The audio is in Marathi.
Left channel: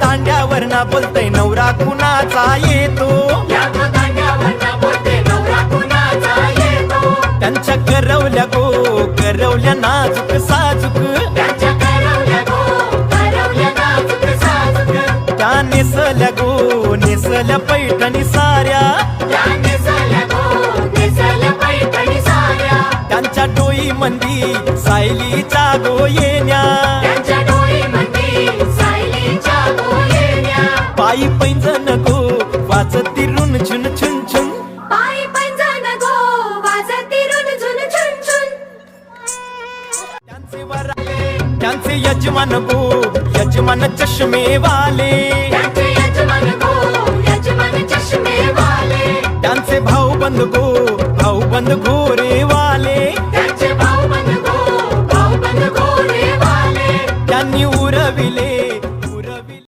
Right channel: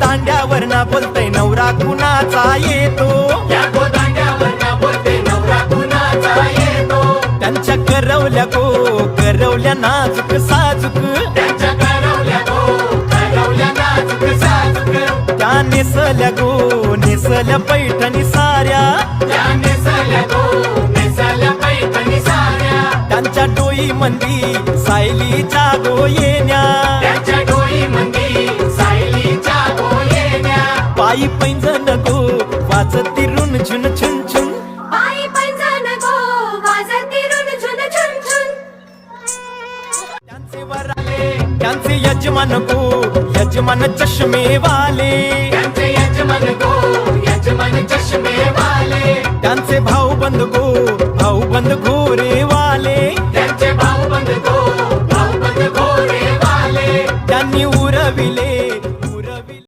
दांड्यावर ना बोलतोय नवरा कुणाचा येतो, त्यांच्या करवल्या गो करवल्या नाजूक साजूक, त्या नेसल्या गो नेसल्या पैठणी साऱ्या, त्यांच्या डोई मंदी सायलीच्या गोयेन्या, पायी पैंजण गो वाजती रुन झुन छुन छुन, त्यांचे यजमान गो यजमान चष्मेवाले, त्यांचे भाऊ बंद गो